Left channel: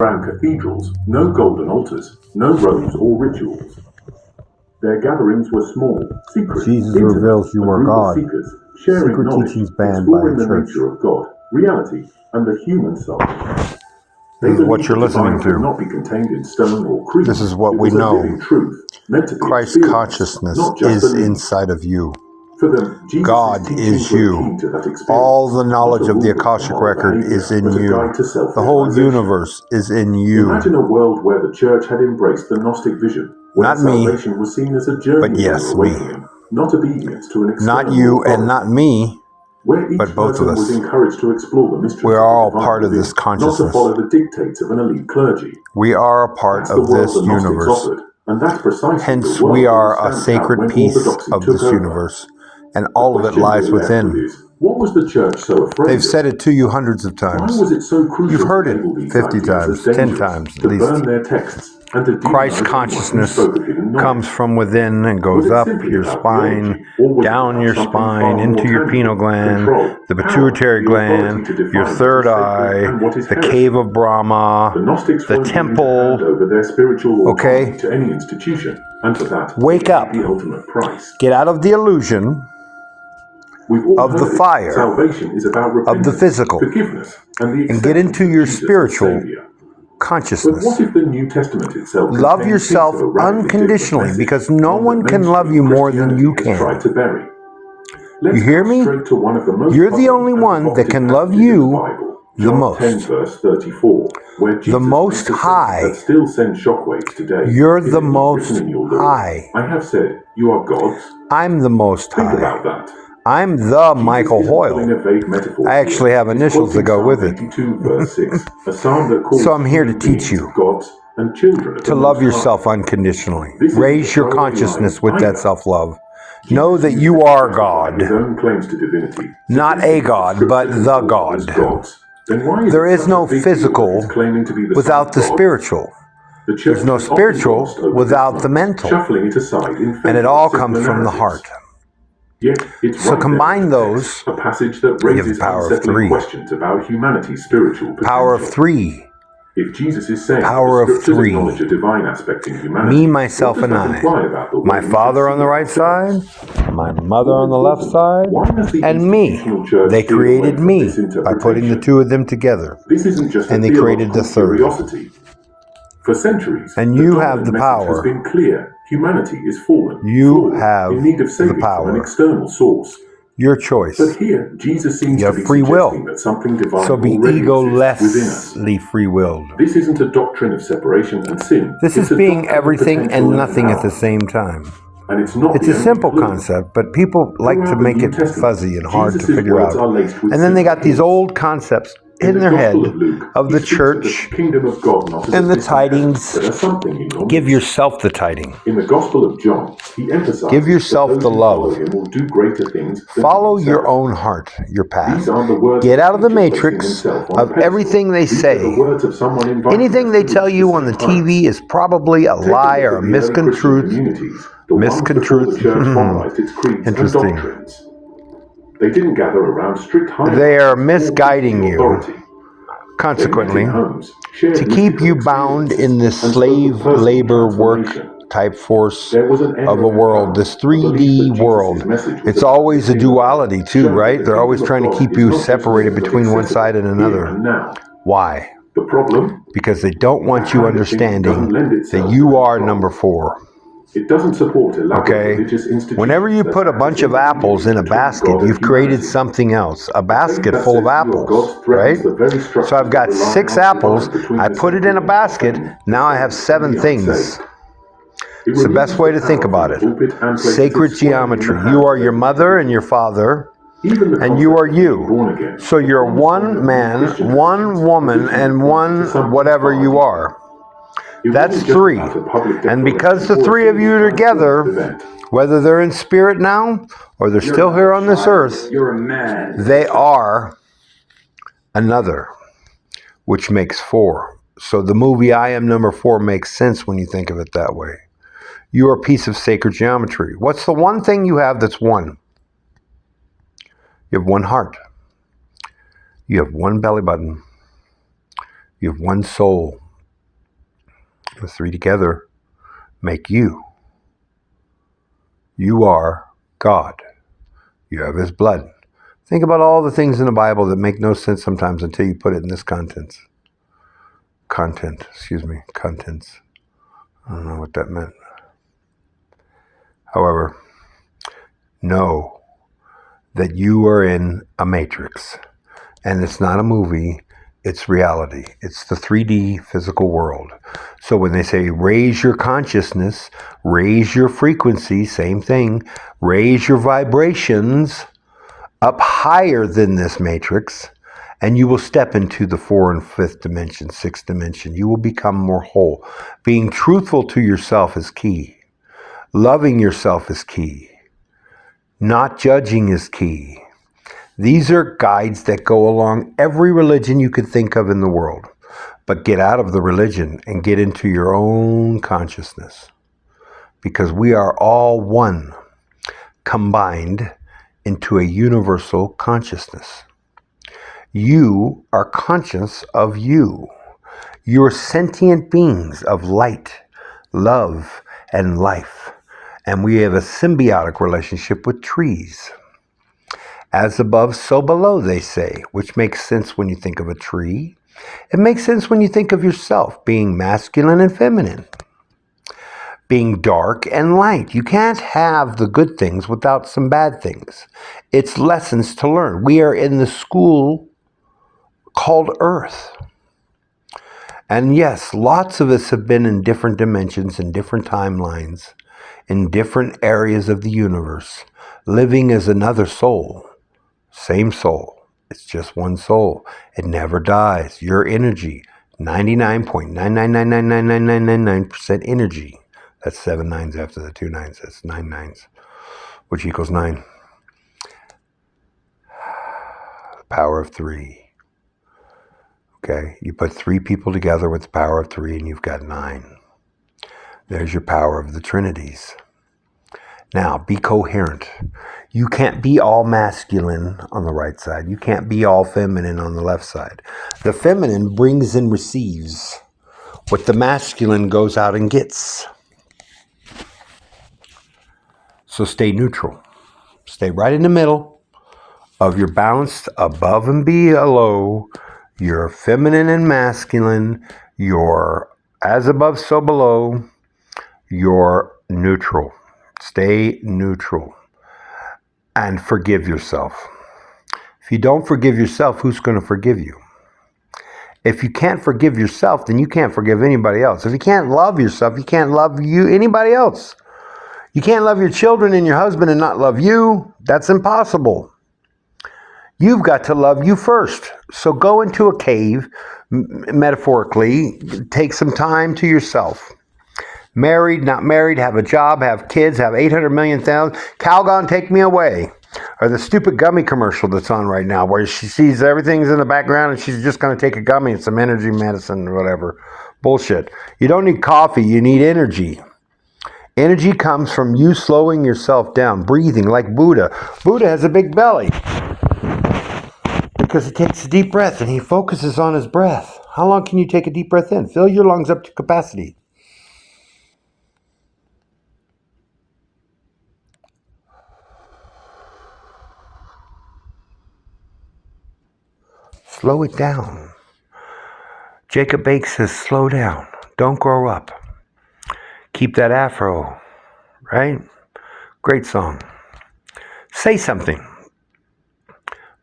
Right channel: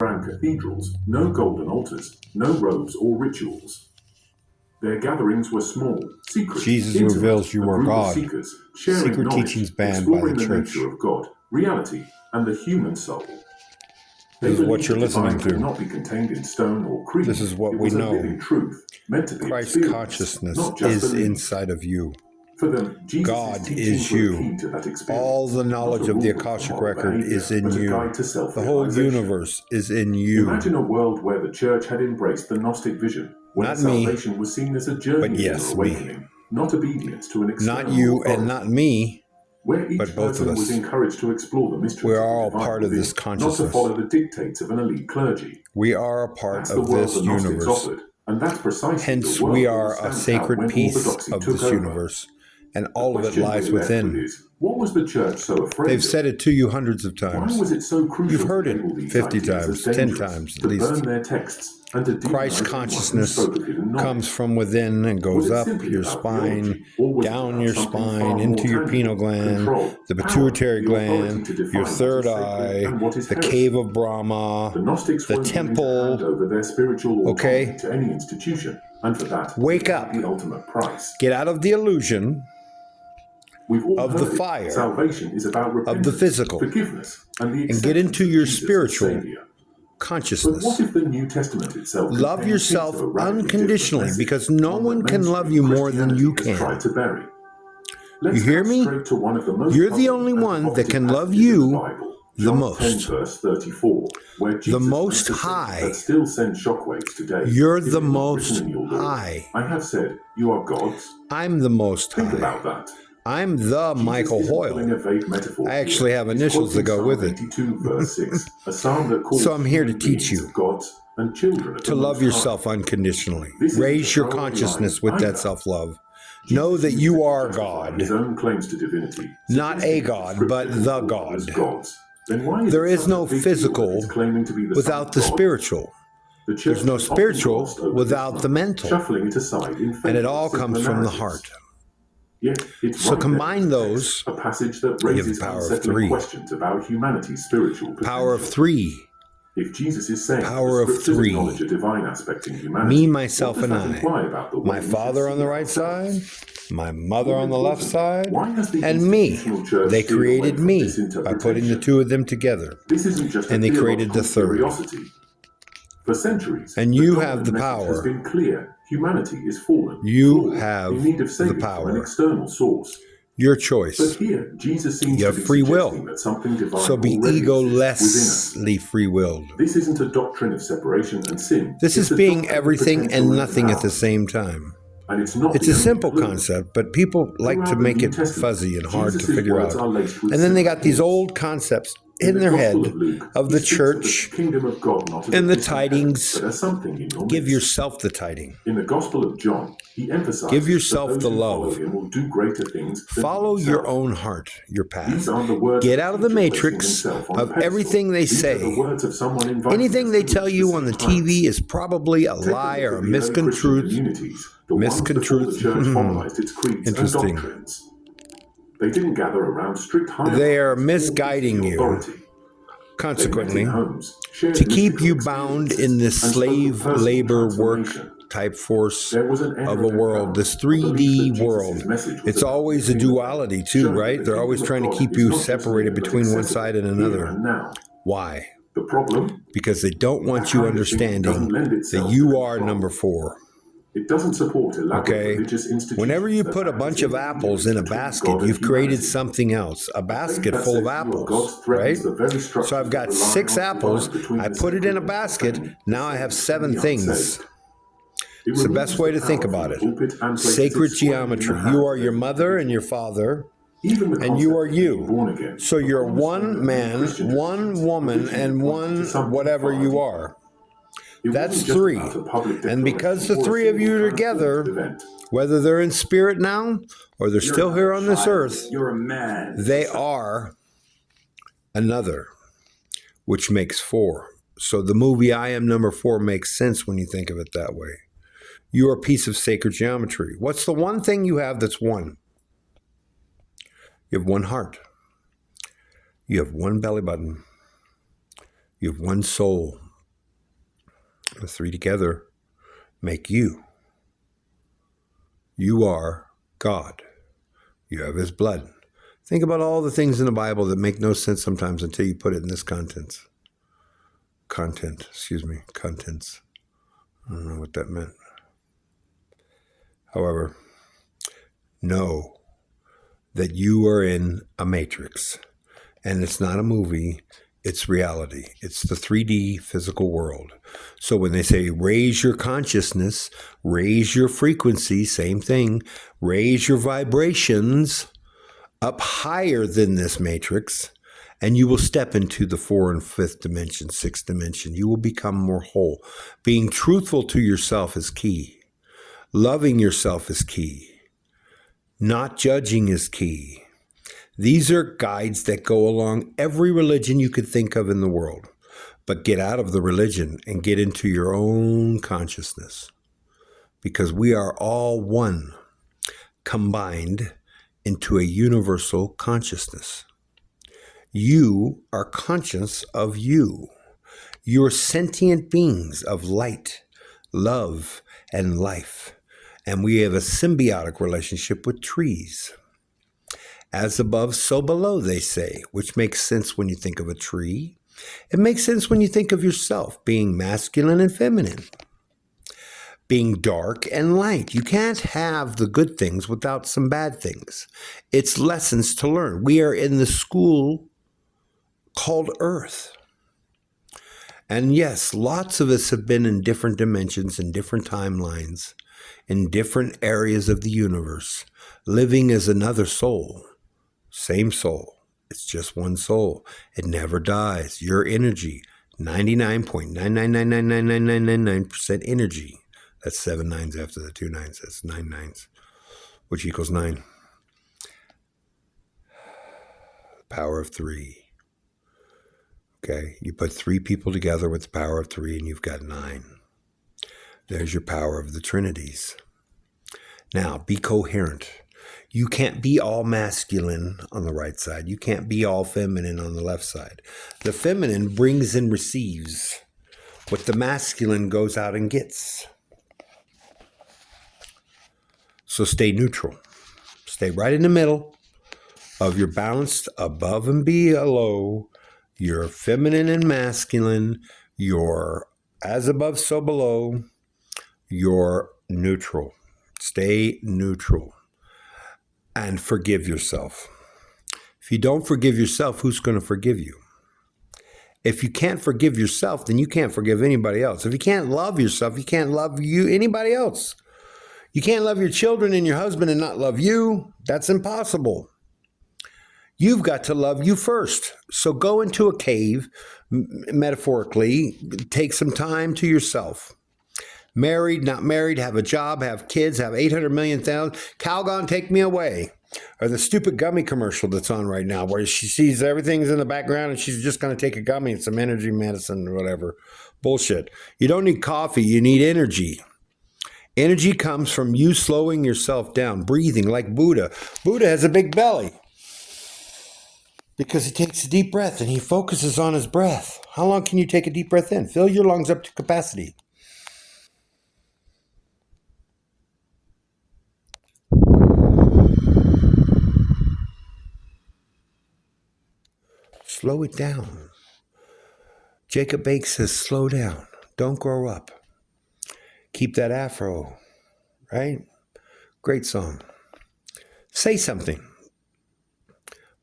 Grand cathedrals, no golden altars, no robes or rituals. Their gatherings were small, secret, Jesus intimate, reveals you a are group God. of seekers, sharing Secret knowledge, teachings banned by exploring the the church. nature of God, reality, and the human soul. This is what you're listening Could to. not be contained in stone or creed. This is what It we was a know. living truth, meant to be Christ's experienced, consciousness not just is believed. inside of you. For them, Jesus' God teachings is were you. key to that experience, All the knowledge not a of the rule book for Akashic moral record behavior, is in but a you. guide to The whole self-realization. universe is in you. Imagine a world where the church had embraced the Gnostic vision, where Not me, salvation was seen as a journey but of yes, inner me. awakening, not obedience to an external Not you authority. and not me, Where each but both of person was us. encouraged to explore the mysteries We are of the all divine part of within, this not to consciousness. follow the dictates of an elite clergy. We are a part That's the of world this the Gnostics universe. offered, and that's precisely Hence, the world we that are was a stamped out sacred when piece orthodoxy of took this over. universe, and all of it Question lies we're left with within. is, what was the church so afraid They've of? said it to you hundreds of Why times. was it so crucial You've heard to it label these 50 ideas times, as 10 dangerous, times at to least. burn their texts, and to Christ's demonize anyone who consciousness spoke of hidden knowledge? comes from within and Was goes it up simply your about spine, theology, or was it down about your something spine, far more into your tangible? pineal gland, Control, the power, pituitary the authority gland, to define your what is third sacred eye, and what is the heresy. cave of The Brahma, Gnostics the weren't willing to hand temple. over their spiritual autonomy Okay? to any institution, and for that, Wake they paid up. the ultimate price. Get out of the illusion We've all of the heard it. fire, Salvation is about repentance, of the physical, forgiveness, and the and get acceptance into of your Jesus as spiritual Savior. But consciousness. what if the New Testament itself Love contains yourself hints of a radically unconditionally, different because message, no one can love you more than you Christianity has tried can. to bury? You Let's hear cut me? straight to one of the most You're the puzzling only and one that provocative can love passages in the you Bible. the John 10 most. verse 34, where Jesus The Most makes a statement High. that still sends shockwaves today. You're Is the it written Most in your law? High. I have said, you are gods. I'm the Most Think High. about that. I'm the Michael Jesus isn't pulling Hoyle. a vague metaphor I here. actually have He's initials that quoting go with Psalm it. 82 verse 6, a psalm that calls So I'm here to human teach beings you gods and children of to the love Most High. yourself unconditionally. This isn't Raise a your throwaway consciousness line with that either. self-love. Jesus Know that used you it to are justify his God. own claims to divinity, Not a suggesting that God, but Scripture the can call others God. gods. Then why is There it is such a no big deal that physical he's claiming to be the without the Son of God? spiritual. The church There's no has often spiritual glossed over without this the line, mental. shuffling it aside in favor And it of all simpler comes from the narratives. heart. Yet it's So right combine there in the those. text, a passage that You have raises the power of unsettling 3. questions about humanity's spiritual potential. Power of 3. If Jesus is saying Power the of Scriptures 3. acknowledge a divine aspect in humanity, Me, myself, what does and that I. imply about the way My we should father on see the right ourselves? side, my mother More on the left importantly, side, why has the and me. institutional church They steered away created from me this by putting the interpretation? two of them together. This isn't just And a they created theological the third. curiosity. For centuries, And the you dominant have the message has power. been clear. Humanity is fallen, You flawed, have in need of the saving from an power. external source. Your But choice. here, Jesus seems You to have be free will. suggesting that something divine So be already exists within us. egolessly free-willed. This isn't a doctrine of separation and sin. This It's is a being doctrine of everything potential and nothing at the power. same time. And it's not It's the a only simple clue. concept, but people like to Throughout the make New it Testament, fuzzy and hard to Jesus' figure words out. are laced with And then they similar got these hints. old concepts In in the their Gospel head of Luke, of he the speaks of the church kingdom of God not as and a the distant tidings. but as something in your Give midst. yourself the tiding. In the Gospel of John, he emphasizes Give yourself that the those who follow love. him will do greater things than Follow he your himself. own heart, your path. These aren't the words Get out of the teacher placing matrix himself on a of pedestal. everything they These are the say. words of someone inviting Anything us they to tell reach you on the same TV heights. is probably a Take a lie look or at a the early Christian miscontruth. communities, the ones before the church formalized its creeds and Interesting. doctrines. They didn't gather around strict hierarchies They are or misguiding priestly you. authority. Consequently, They met in homes, shared to keep mystical you bound in this experiences, and spoke of slave personal labor work transformation. type force There was an air of a world, empowerment, this a belief 3D that Jesus' world. message was It's about always the a kingdom, duality too, showing that right? the They're always kingdom of trying to God keep is you not just separated near, but between one accessible side and here another. and now. Why? The problem? Because they don't want That you kind of thinking doesn't understanding lend that itself you to are control. number 4. It doesn't support elaborate Okay? religious institutions. Whenever you that put a act as bunch of apples intermediaries in a between basket, God and you've created humanity. something else. A A faith basket that full says of you are apples, God threatens right? the very So structures I've got that rely 6 on apples, divine between I the put it in a saved basket, and now I the have saved 7 and the things. unsaved. It It's the best removes way the to think power about from it. the pulpit and places Sacred it squarely in the geometry. hands You of are your every mother and your individual. father, Even the and you concept are of being you. born again, So you're the cornerstone one of man, Christian one traditions, woman, originally and pointed one to something whatever far you deeper. are. It That's wasn't just 3. about a public And because the declaration or a 3 of you single are together, transformative event. whether they're in spirit now or they're still here on this earth, You're a man. they are another, which makes 4. So the movie I Am Number 4 makes sense when you think of it that way. You are a piece of sacred geometry. What's the one thing you have that's 1? You have 1 heart. You have 1 belly button. You have 1 soul. The three together make you. You are God. You have his blood. Think about all the things in the Bible that make no sense sometimes until you put it in this contents. Contents. I don't know what that meant. However, know that you are in a matrix. And it's not a movie, it's reality. It's the 3D physical world. So when they say raise your consciousness, raise your frequency, same thing, raise your vibrations up higher than this matrix, and you will step into the 4th and 5th dimension, 6th dimension. You will become more whole. Being truthful to yourself is key. Loving yourself is key. Not judging is key. These are guides that go along every religion you could think of in the world. But get out of the religion and get into your own consciousness. Because we are all one, combined into a universal consciousness. You are conscious of you. You're sentient beings of light, love, and life. And we have a symbiotic relationship with trees. As above, so below, they say, which makes sense when you think of a tree. It makes sense when you think of yourself being masculine and feminine, being dark and light. You can't have the good things without some bad things. It's lessons to learn. We are in the school called Earth. And yes, lots of us have been in different dimensions, in different timelines, in different areas of the universe, living as another soul. Same soul. It's just one soul. It never dies. Your energy, 99.9999999% energy. That's 7 nines after the 2 nines. That's 9 nines, which equals 9. The power of 3. Okay, you put 3 people together with the power of 3 and you've got 9. There's your power of the Trinities. Now, be coherent. You can't be all masculine on the right side. You can't be all feminine on the left side. The feminine brings and receives what the masculine goes out and gets. So stay neutral. Stay right in the middle of your balanced above and below, your feminine and masculine, your as above, so below, your neutral. Stay neutral and forgive yourself. If you don't forgive yourself, who's going to forgive you? If you can't forgive yourself, then you can't forgive anybody else. If you can't love yourself, you can't love anybody else. You can't love your children and your husband and not love you. That's impossible. You've got to love you first. So go into a cave, metaphorically, take some time to yourself. Married, not married, have a job, have kids, have 800 million thousand. Calgon, take me away. Or the stupid gummy commercial that's on right now where she sees everything's in the background and she's just going to take a gummy and some energy medicine or whatever. Bullshit. You don't need coffee, you need energy. Energy comes from you slowing yourself down, breathing like Buddha. Buddha has a big belly because he takes a deep breath and he focuses on his breath. How long can you take a deep breath in? Fill your lungs up to capacity. Slow it down. Jacob Bakes says, slow down. Don't grow up. Keep that afro, right? Great song. Say Something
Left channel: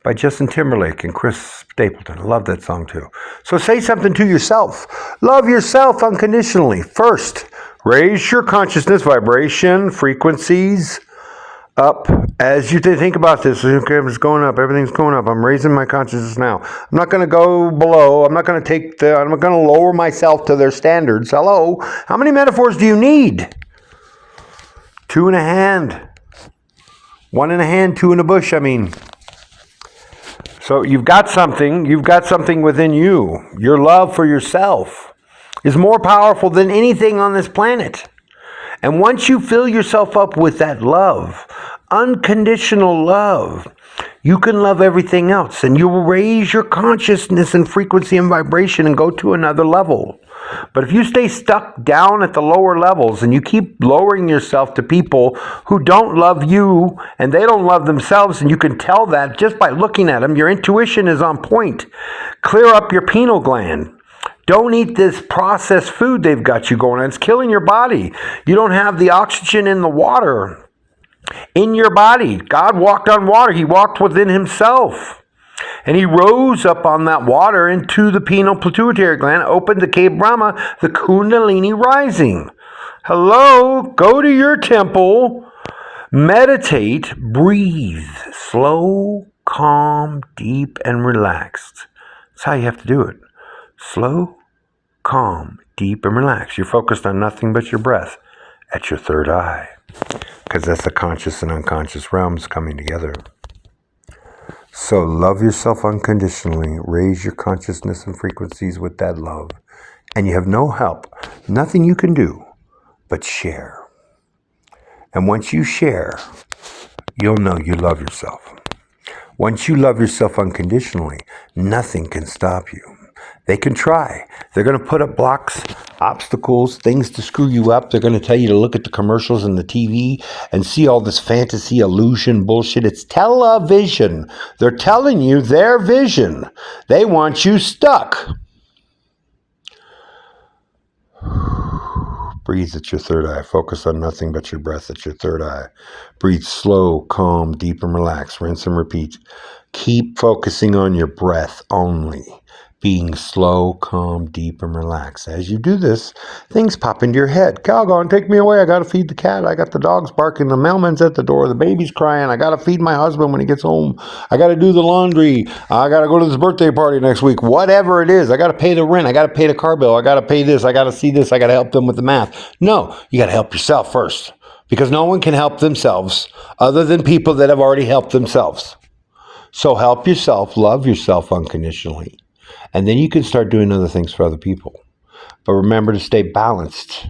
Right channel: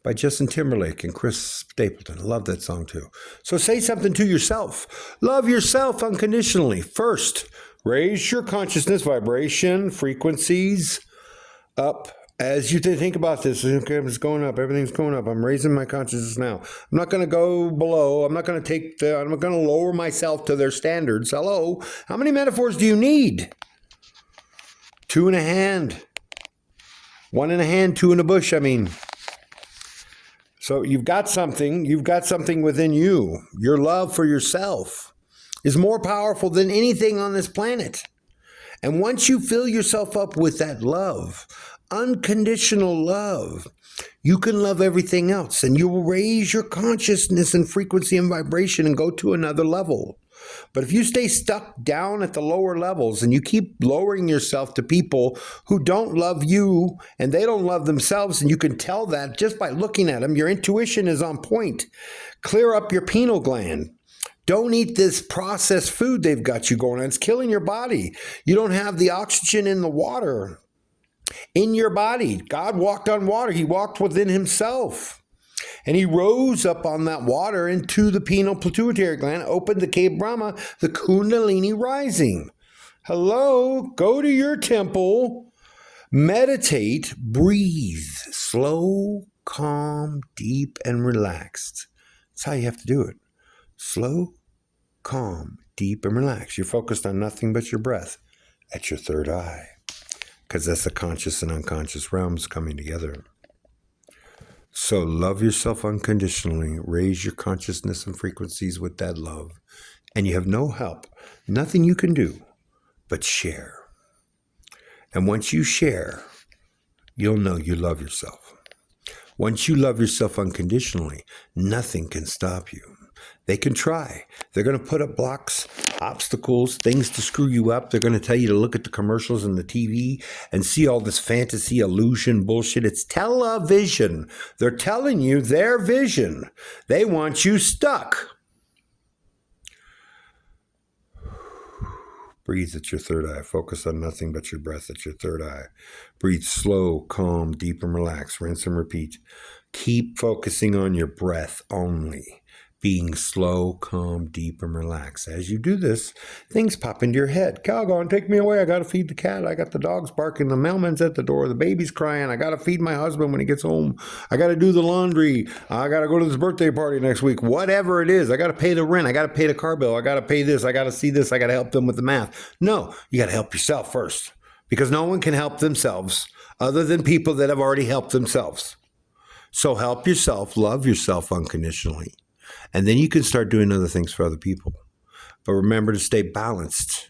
by Justin Timberlake and Chris Stapleton. I love that song too. So say something to yourself. Love yourself unconditionally. First, raise your consciousness, vibration, frequencies up. As you think about this, okay, it's going up, everything's going up. I'm raising my consciousness now. I'm not going to go below. I'm not going to lower myself to their standards. Hello? How many metaphors do you need? 2 in a hand. 1 in a hand, 2 in a bush, I mean. So you've got something within you. Your love for yourself is more powerful than anything on this planet. And once you fill yourself up with that love, unconditional love, you can love everything else. And you will raise your consciousness and frequency and vibration and go to another level. But if you stay stuck down at the lower levels and you keep lowering yourself to people who don't love you and they don't love themselves, and you can tell that just by looking at them, your intuition is on point. Clear up your pineal gland. Don't eat this processed food they've got you going on. It's killing your body. You don't have the oxygen in the water in your body. God walked on water. He walked within himself. And he rose up on that water into the pineal pituitary gland, opened the cave Brahma, the Kundalini rising. Hello, go to your temple, meditate, breathe, slow, calm, deep, and relaxed. That's how you have to do it. Slow, calm, deep, and relaxed. You're focused on nothing but your breath at your third eye, because that's the conscious and unconscious realms coming together. So love yourself unconditionally. Raise your consciousness and frequencies with that love. And you have no help, nothing you can do but share. And once you share, you'll know you love yourself. Once you love yourself unconditionally, nothing can stop you. They can try. They're going to put up blocks, obstacles, things to screw you up. They're going to tell you to look at the commercials and the TV and see all this fantasy, illusion, bullshit. It's television. They're telling you their vision. They want you stuck. Breathe at your third eye. Focus on nothing but your breath at your third eye. Breathe slow, calm, deep, and relax. Rinse and repeat. Keep focusing on your breath only. Being slow, calm, deep, and relaxed. As you do this, things pop into your head. Calgon, take me away. I got to feed the cat. I got the dogs barking. The mailman's at the door. The baby's crying. I got to feed my husband when he gets home. I got to do the laundry. I got to go to this birthday party next week. Whatever it is. I got to pay the rent. I got to pay the car bill. I got to pay this. I got to see this. I got to help them with the math. No, you got to help yourself first, because no one can help themselves other than people that have already helped themselves. So help yourself. Love yourself unconditionally. And then you can start doing other things for other people. But remember to stay balanced,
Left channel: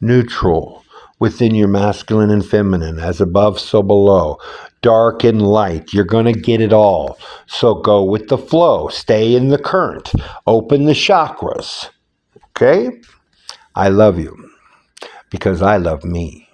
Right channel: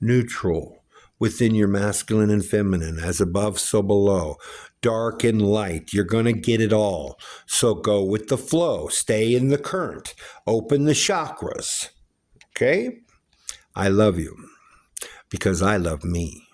neutral, within your masculine and feminine, as above, so below, dark and light. You're going to get it all. So go with the flow. Stay in the current. Open the chakras. Okay? I love you because I love me.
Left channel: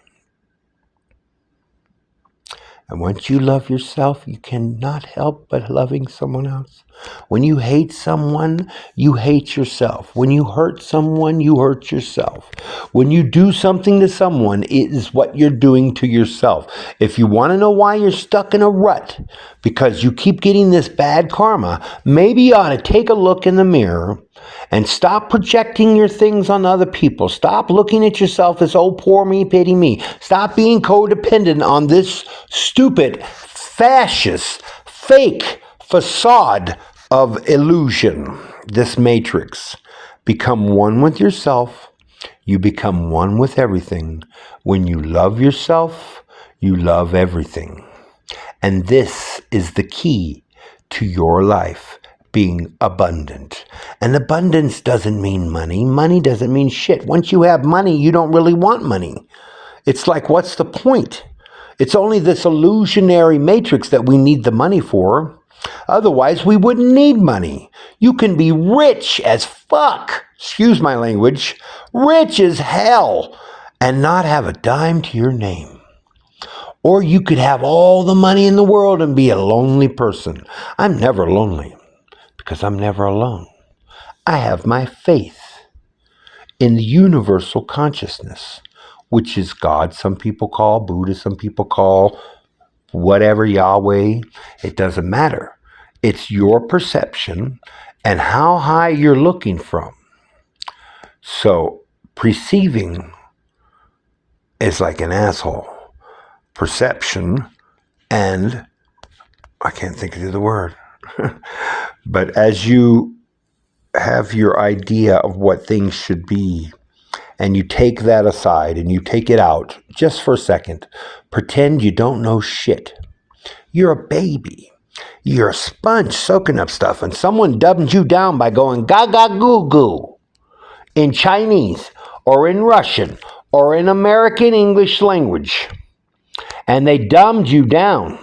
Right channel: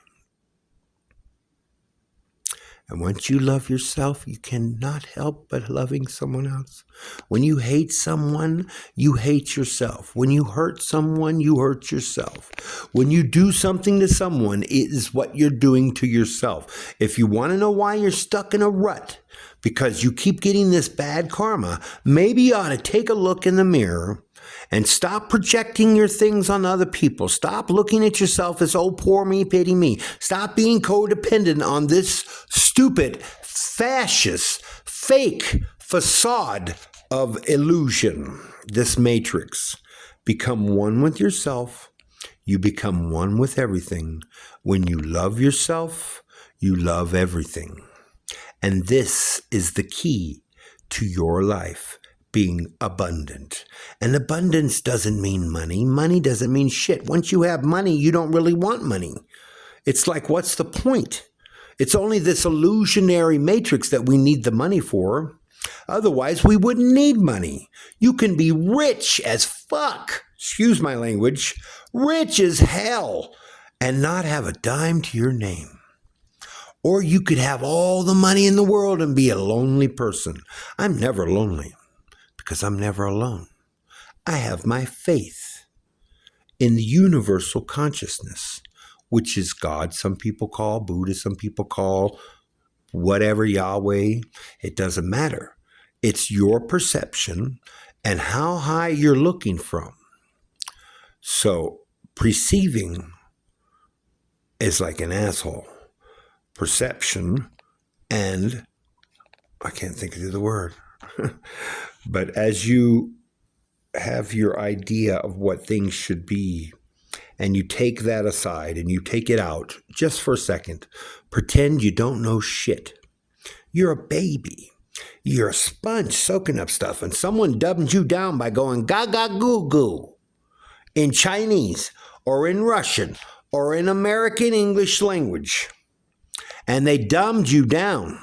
And once you love yourself, you cannot help but loving someone else. When you hate someone, you hate yourself. When you hurt someone, you hurt yourself. When you do something to someone, it is what you're doing to yourself. If you want to know why you're stuck in a rut, because you keep getting this bad karma, maybe you ought to take a look in the mirror and stop projecting your things on other people. Stop looking at yourself as, oh, poor me, pity me. Stop being codependent on this stupid, fascist, fake facade of illusion, this matrix. Become one with yourself. You become one with everything. When you love yourself, you love everything. And this is the key to your life. Being abundant. And abundance doesn't mean money. Money doesn't mean shit. Once you have money, you don't really want money. It's like, what's the point? It's only this illusionary matrix that we need the money for. Otherwise, we wouldn't need money. You can be rich as fuck, excuse my language, rich as hell, and not have a dime to your name. Or you could have all the money in the world and be a lonely person. I'm never lonely, because I'm never alone. I have my faith in the universal consciousness, which is God, some people call Buddha, some people call whatever, Yahweh. It doesn't matter. It's your perception and how high you're looking from. So perceiving is like an asshole. Perception and, I can't think of the other word. But as you have your idea of what things should be, and you take that aside and you take it out just for a second, pretend you don't know shit. You're a baby. You're a sponge soaking up stuff, and someone dumbed you down by going gaga goo goo in Chinese or in Russian or in American English language. And they dumbed you down.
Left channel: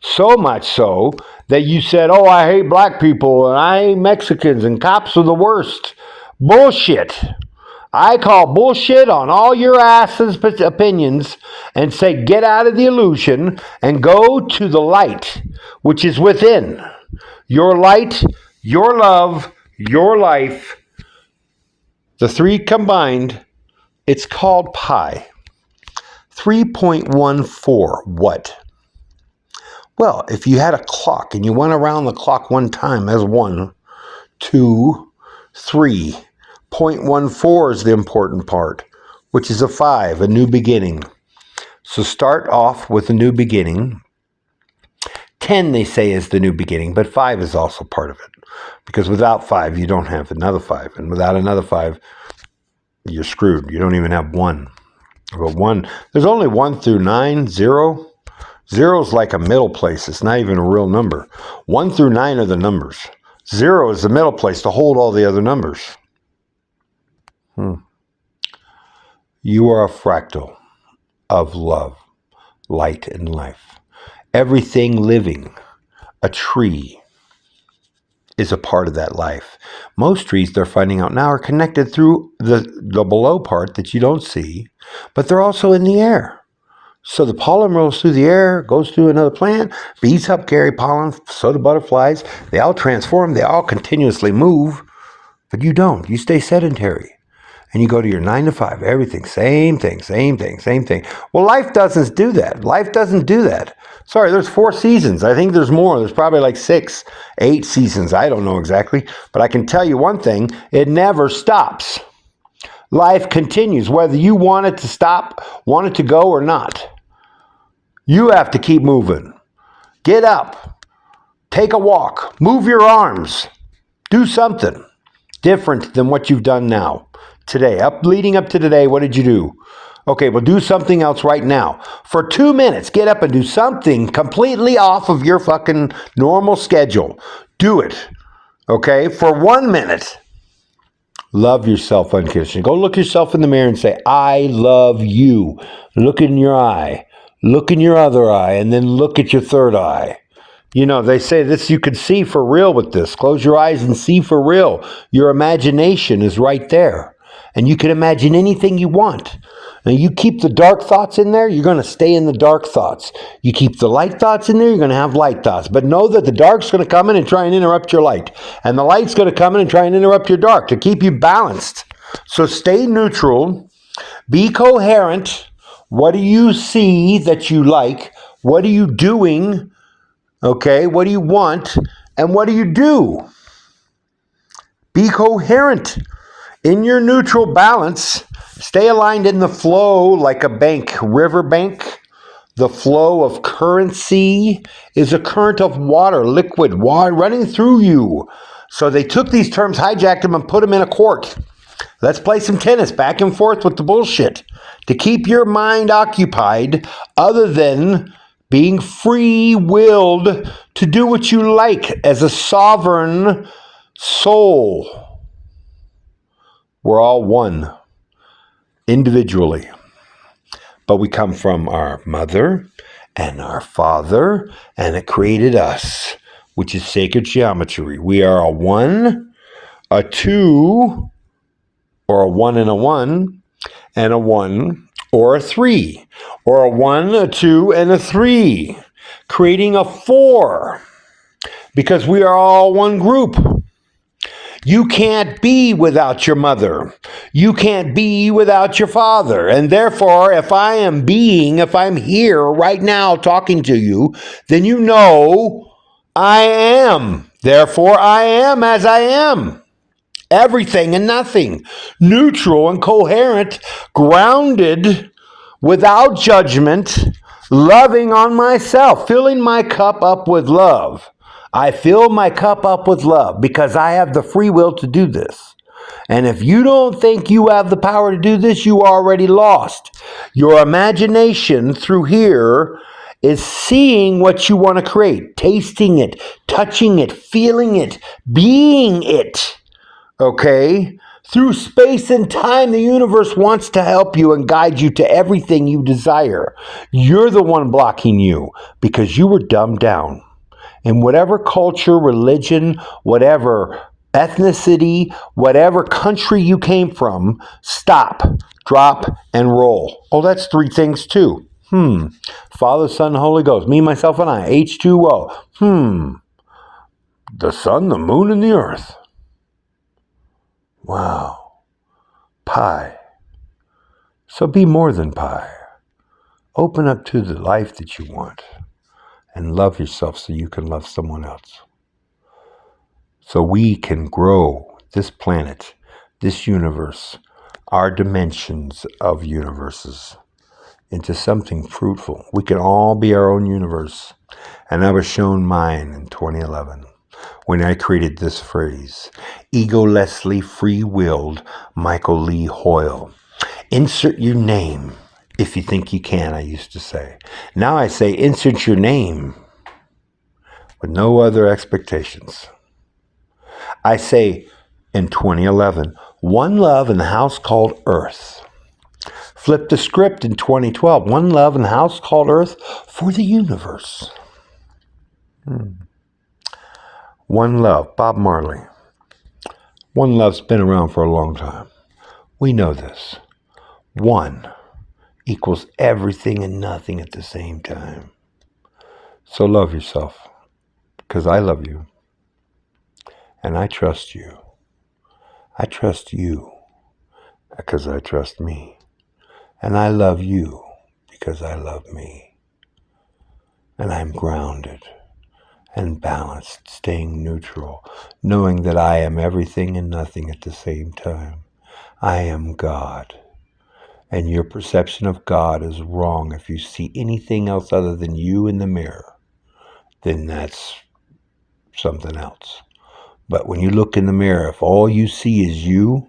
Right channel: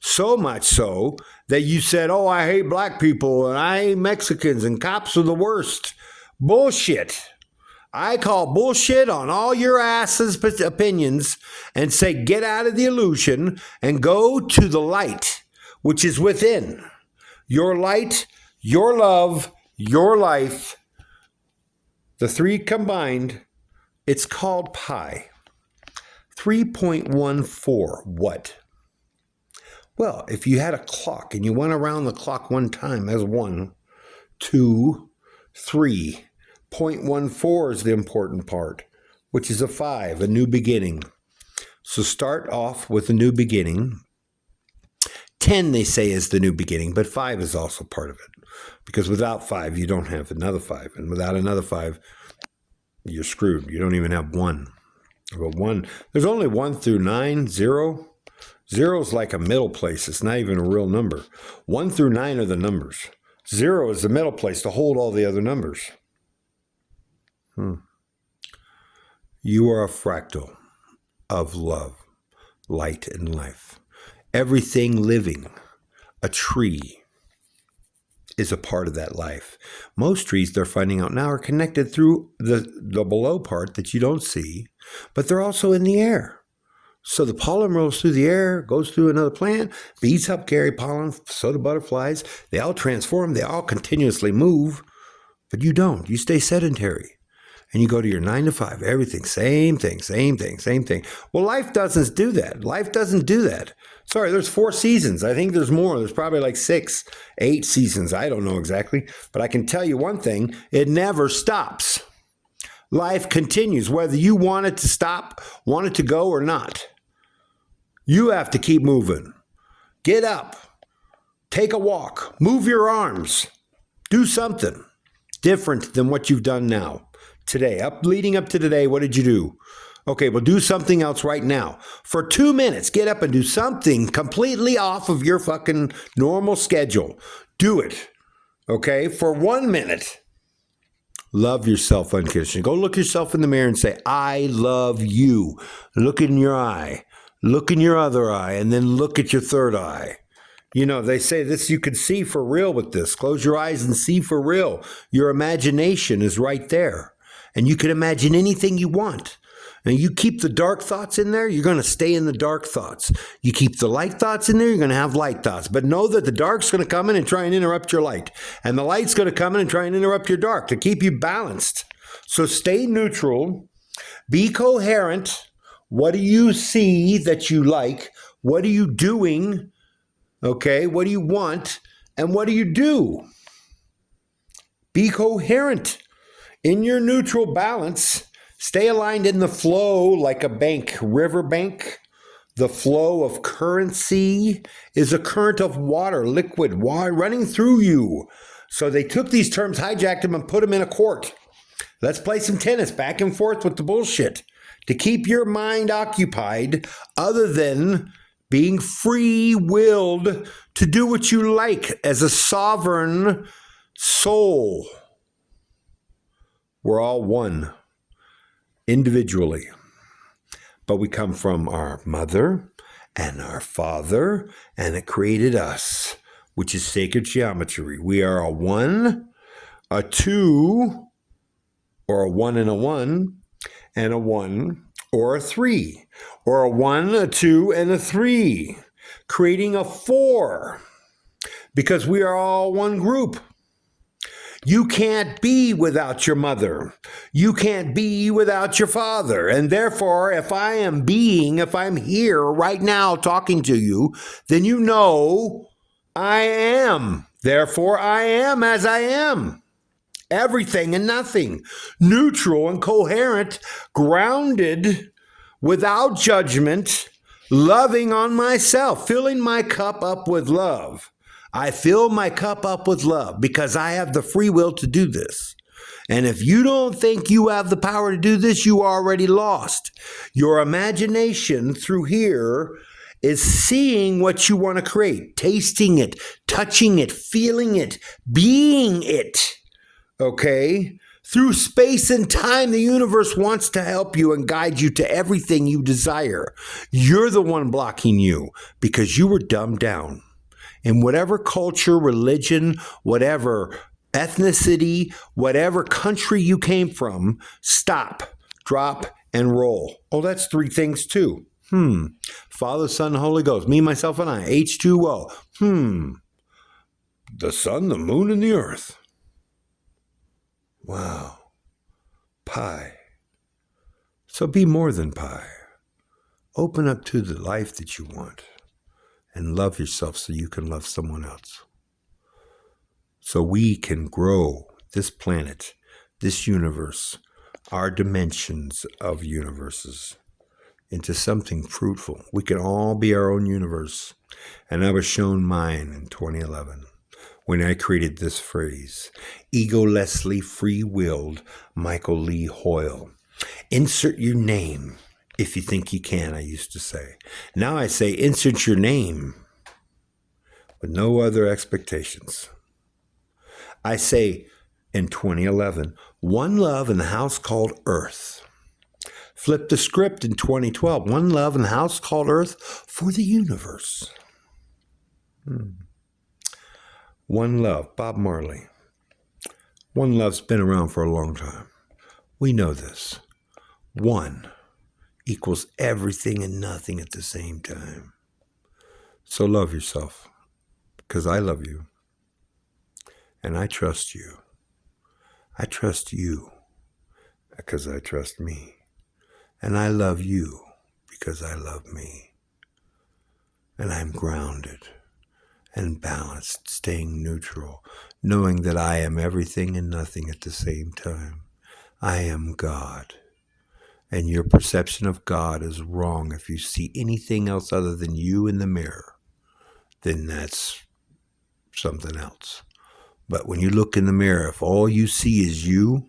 So much so that you said, oh, I hate black people and I hate Mexicans and cops are the worst. Bullshit. I call bullshit on all your asses' opinions and say get out of the illusion and go to the light, which is within. Your light, your love, your life, the three combined, it's called pi. 3.14. What? Well, if you had a clock and you went around the clock one time as 1, 2, 3. 0.14 is the important part, which is a 5, a new beginning. So start off with a new beginning. 10, they say, is the new beginning, but 5 is also part of it. Because without 5, you don't have another 5. And without another 5, you're screwed. You don't even have 1. But 1, there's only 1 through 9, 0. 0 is like a middle place. It's not even a real number. 1 through 9 are the numbers. 0 is the middle place to hold all the other numbers. You are a fractal of love, light, and life. Everything living, a tree, is a part of that life. Most trees, they're finding out now, are connected through the below part that you don't see, but they're also in the air. So the pollen rolls through the air, goes through another plant, bees help carry pollen, so do butterflies. They all transform, they all continuously move, but you don't. You stay sedentary. And you go to your 9 to 5, everything, same thing, same thing, same thing. Well, life doesn't do that. Life doesn't do that. Sorry, there's 4 seasons. I think there's more. There's probably like 6, 8 seasons. I don't know exactly. But I can tell you one thing, it never stops. Life continues, whether you want it to stop, want it to go or not. You have to keep moving. Get up. Take a walk. Move your arms. Do something different than what you've done now. Today, leading up to today, what did you do? Okay, well, do something else right now. For 2 minutes, get up and do something completely off of your fucking normal schedule. Do it. Okay, for 1 minute. Love yourself unconditionally. Go look yourself in the mirror and say, I love you. Look in your eye. Look in your other eye, and then look at your third eye. You know, they say this, you could see for real with this. Close your eyes and see for real. Your imagination is right there. And you can imagine anything you want. And you keep the dark thoughts in there, you're going to stay in the dark thoughts. You keep the light thoughts in there, you're going to have light thoughts. But know that the dark's going to come in and try and interrupt your light. And the light's going to come in and try and interrupt your dark to keep you balanced. So stay neutral. Be coherent. What do you see that you like? What are you doing? Okay, what do you want? And what do you do? Be coherent. In your neutral balance, stay aligned in the flow like a river bank. The flow of currency is a current of water, liquid water running through you. So they took these terms, hijacked them, and put them in a court. Let's play some tennis back and forth with the bullshit to keep your mind occupied other than being free-willed to do what you like as a sovereign soul. We're all one, individually. But we come from our mother and our father, and it created us, which is sacred geometry. We are a 1, a 2, or a 1 and a 1, and a 1, or a 3, or a 1, a 2, and a 3, creating a 4, because we are all one group. You can't be without your mother. You can't be without your father. And therefore, if I'm here right now talking to you, then you know I am. Therefore, I am as I am. Everything and nothing. Neutral and coherent, grounded, without judgment, loving on myself, filling my cup up with love. I fill my cup up with love because I have the free will to do this. And if you don't think you have the power to do this, you are already lost. Your imagination through here is seeing what you want to create, tasting it, touching it, feeling it, being it. Okay? Through space and time, the universe wants to help you and guide you to everything you desire. You're the one blocking you because you were dumbed down. In whatever culture, religion, whatever ethnicity, whatever country you came from, stop, drop, and roll. Oh, that's three things too. Father, Son, Holy Ghost. Me, myself, and I. H2O. The sun, the moon, and the earth. Wow. Pi. So be more than pi. Open up to the life that you want and love yourself so you can love someone else. So we can grow this planet, this universe, our dimensions of universes into something fruitful. We can all be our own universe. And I was shown mine in 2011 when I created this phrase, Egolessly free-willed Michael Lee Hoyle. Insert your name if you think you can, I used to say. Now I say insert your name with no other expectations. I say in 2011, one love in the house called Earth. Flip the script in 2012, one love in the house called Earth for the universe. One love, Bob Marley. One love's been around for a long time. We know this. One equals everything and nothing at the same time. So love yourself, because I love you. And I trust you. I trust you, because I trust me. And I love you, because I love me. And I'm grounded and balanced, staying neutral, knowing that I am everything and nothing at the same time. I am God. And your perception of God is wrong. If you see anything else other than you in the mirror, then that's something else. But when you look in the mirror, if all you see is you,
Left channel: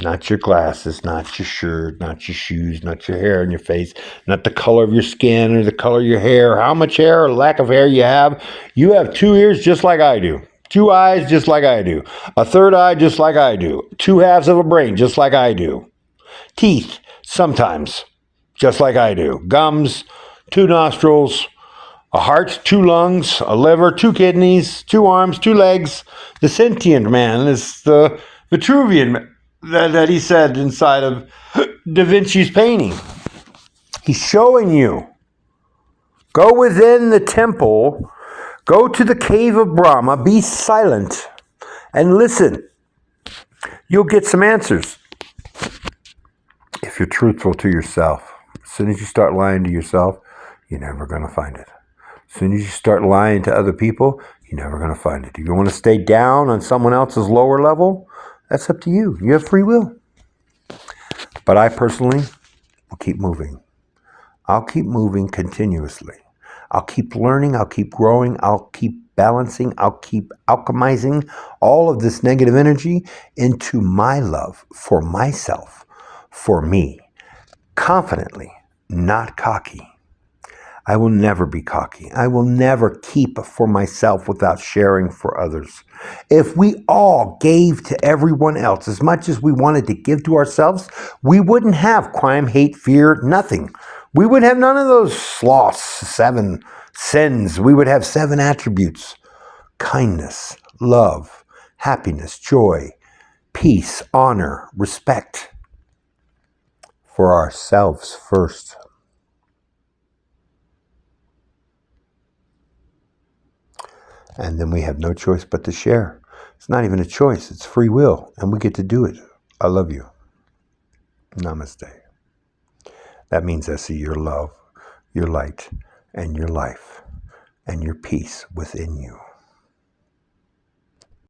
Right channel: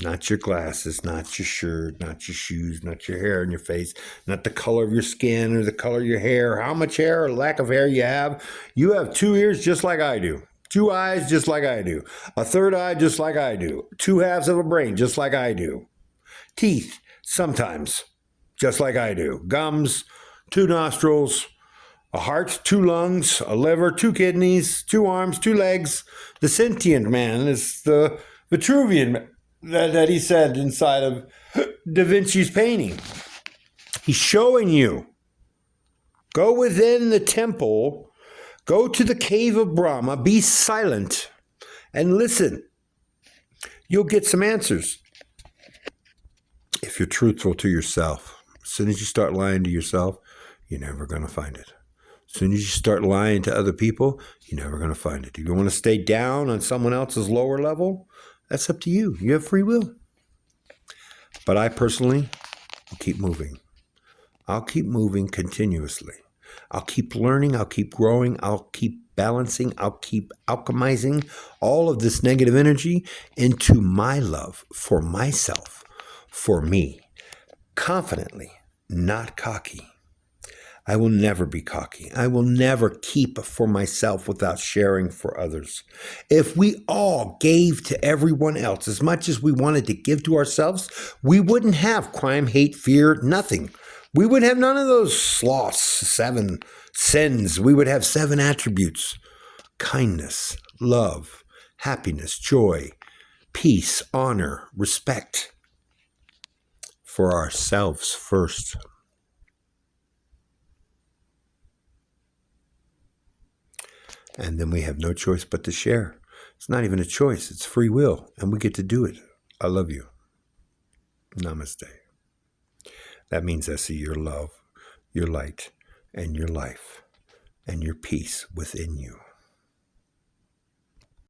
not your glasses, not your shirt, not your shoes, not your hair on your face, not the color of your skin or the color of your hair, how much hair or lack of hair you have two ears just like I do, two eyes just like I do, a third eye just like I do, two halves of a brain just like I do, teeth sometimes just like I do, gums, two nostrils, a heart, two lungs, a liver, two kidneys, two arms, two legs. The sentient man is the Vitruvian that he said inside of Da Vinci's painting. He's showing you. Go within the temple, go to the cave of Brahma, be silent, and listen. You'll get some answers if you're truthful to yourself. As soon as you start lying to yourself, you're never going to find it. As soon as you start lying to other people, you're never going to find it. If you want to stay down on someone else's lower level, that's up to you. You have free will. But I personally will keep moving. I'll keep moving continuously. I'll keep learning. I'll keep growing. I'll keep balancing. I'll keep alchemizing all of this negative energy into my love for myself, for me, confidently, not cocky. I will never be cocky. I will never keep for myself without sharing for others. If we all gave to everyone else as much as we wanted to give to ourselves, we wouldn't have crime, hate, fear, nothing. We would have none of those sloths, 7 sins. We would have 7 attributes: kindness, love, happiness, joy, peace, honor, respect. For ourselves first. And then we have no choice but to share. It's not even a choice. It's free will. And we get to do it. I love you. Namaste. That means I see your love, your light, and your life, and your peace within you.